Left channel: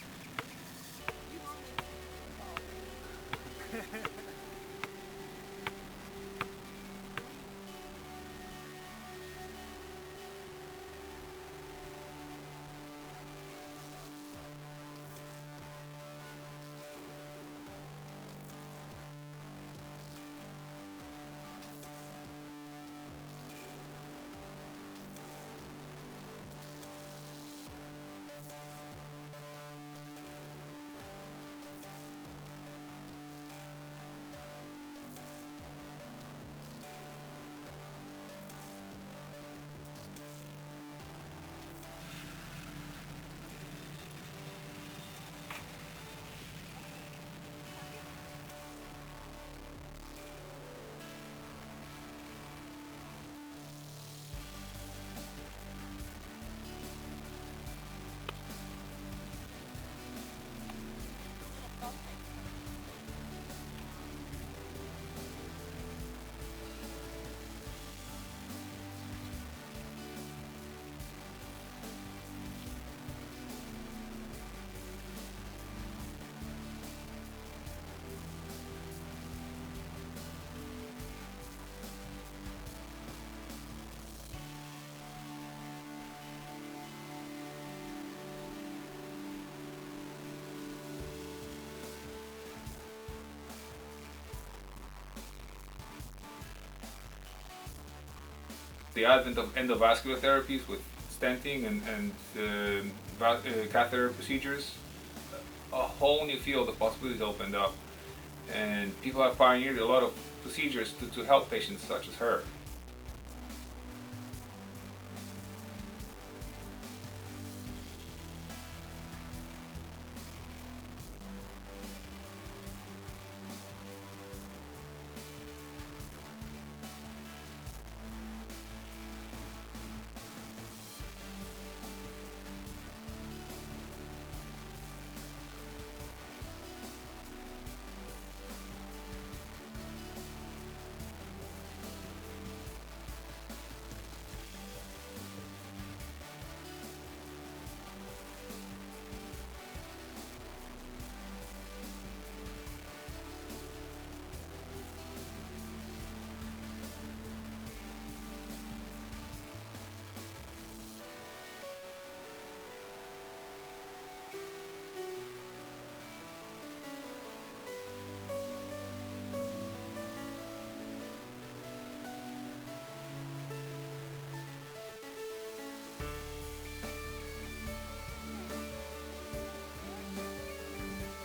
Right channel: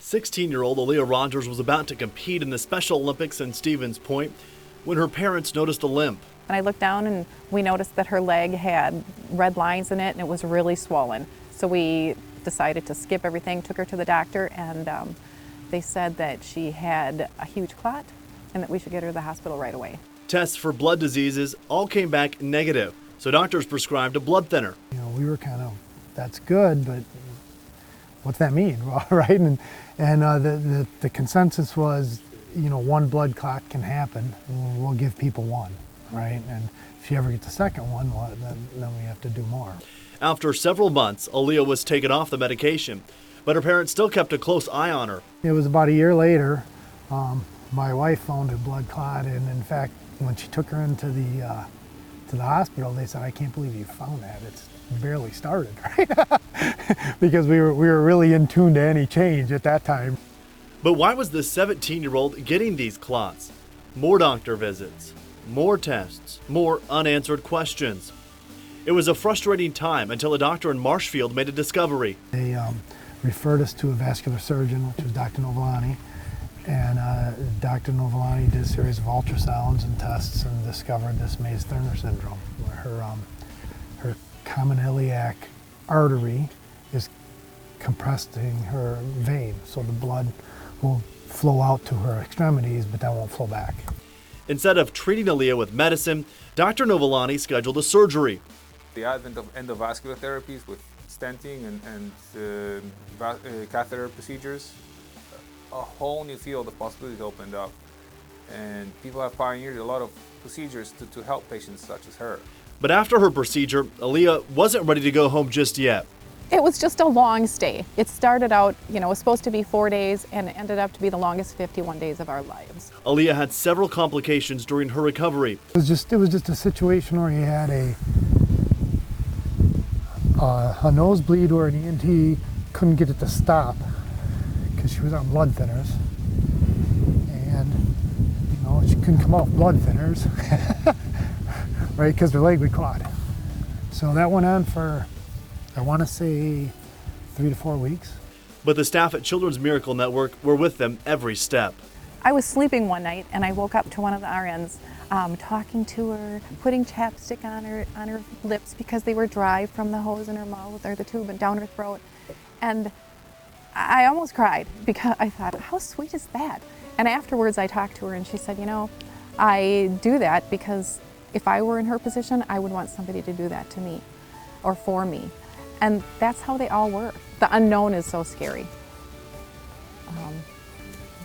16-year-old Alia Rogers was about to compete in the Special Olympics in Stevens Point when her parents noticed a limp. And I looked down and we noticed that her leg had red lines in it and it was really swollen. So we decided to skip everything, took her to the doctor, and they said that she had a huge clot and that we should get her to the hospital right away. Tests for blood diseases all came back negative, so doctors prescribed a blood thinner. We were kind of, that's good, but what's that mean, right? And the consensus was, one blood clot can happen. We'll give people one, right? And if she ever gets a second one, well, then we have to do more. After several months, Alia was taken off the medication, but her parents still kept a close eye on her. It was about a year later, my wife found her blood clot, and in fact, when she took her into the hospital, they said, "I can't believe you found that. It's barely started," right? Because we were really in tune to any change at that time. But why was the 17-year-old getting these clots? More doctor visits, more tests, more unanswered questions. It was a frustrating time until a doctor in Marshfield made a discovery. They referred us to a vascular surgeon, which was Dr. Novolani, and Dr. Novolani did a series of ultrasounds and tests and discovered this Mays-Thurner syndrome, where her common iliac artery is compressing her vein, so the blood will flow out to her extremities, but that won't flow back. Instead of treating Alia with medicine, Dr. Novolani scheduled a surgery. The advent of endovascular therapies with stenting and catheter procedures, a whole new field of possibilities opened up, and people have pioneered a lot of procedures to help patients such as her. But after her procedure, Alia wasn't ready to go home just yet. It was just a long stay. It started out, it was supposed to be 4 days, and it ended up to be the longest 51 days of our lives. Alia had several complications during her recovery. It was just a situation where you had a nosebleed where an ENT couldn't get it to stop because she was on blood thinners, and she couldn't come off blood thinners, right? Because her leg would clot. So that went on for, I want to say, 3 to 4 weeks. But the staff at Children's Miracle Network were with them every step. I was sleeping one night and I woke up to one of the RNs talking to her, putting chapstick on her lips because they were dry from the hose in her mouth or the tube and down her throat. And I almost cried because I thought, how sweet is that? And afterwards I talked to her and she said, I do that because if I were in her position, I would want somebody to do that to me or for me. And that's how they all work. The unknown is so scary.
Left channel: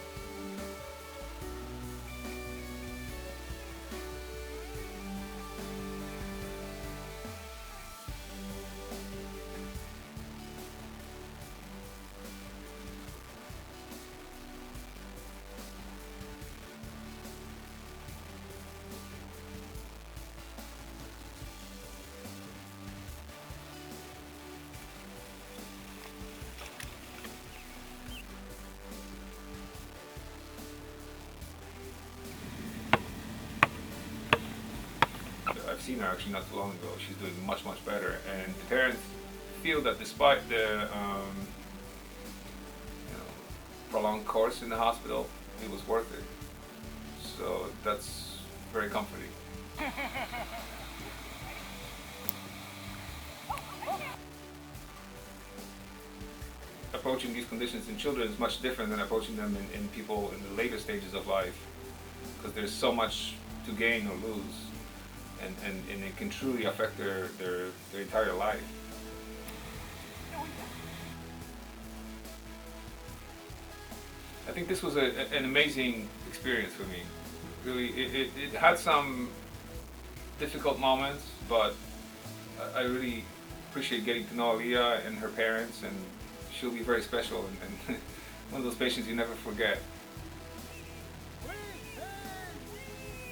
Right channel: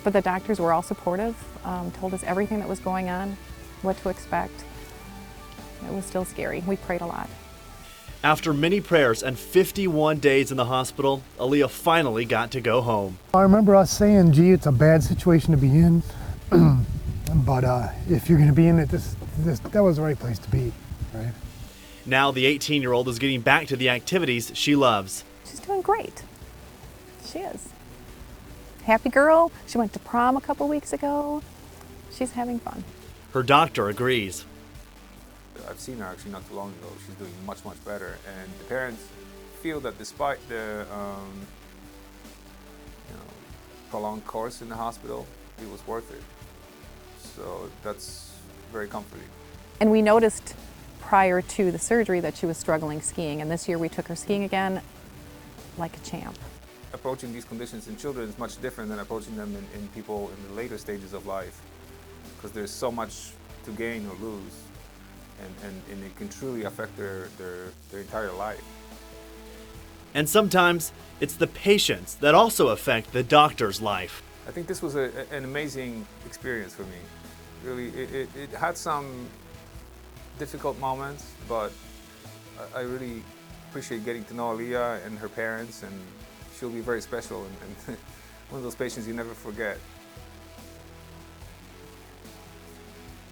But the doctors were all supportive, told us everything that was going on, what to expect. It was still scary. We prayed a lot. After many prayers and 51 days in the hospital, Alia finally got to go home. I remember us saying, gee, it's a bad situation to be in, but if you're going to be in it, that was the right place to be, right? Now the 18-year-old is getting back to the activities she loves. She's doing great. She is. Happy girl. She went to prom a couple weeks ago. She's having fun. Her doctor agrees. I've seen her actually not too long ago. She's doing much, much better. And the parents feel that despite the prolonged course in the hospital, it was worth it. So that's very comforting. And we noticed prior to the surgery that she was struggling skiing. And this year we took her skiing again like a champ. Approaching these conditions in children is much different than approaching them in people in the later stages of life, because there's so much to gain or lose, and it can truly affect their entire life. And sometimes it's the patients that also affect the doctor's life. I think this was an amazing experience for me. Really, it had some difficult moments, but I really appreciate getting to know Alia and her parents, and she'll be very special and one of those patients you never forget.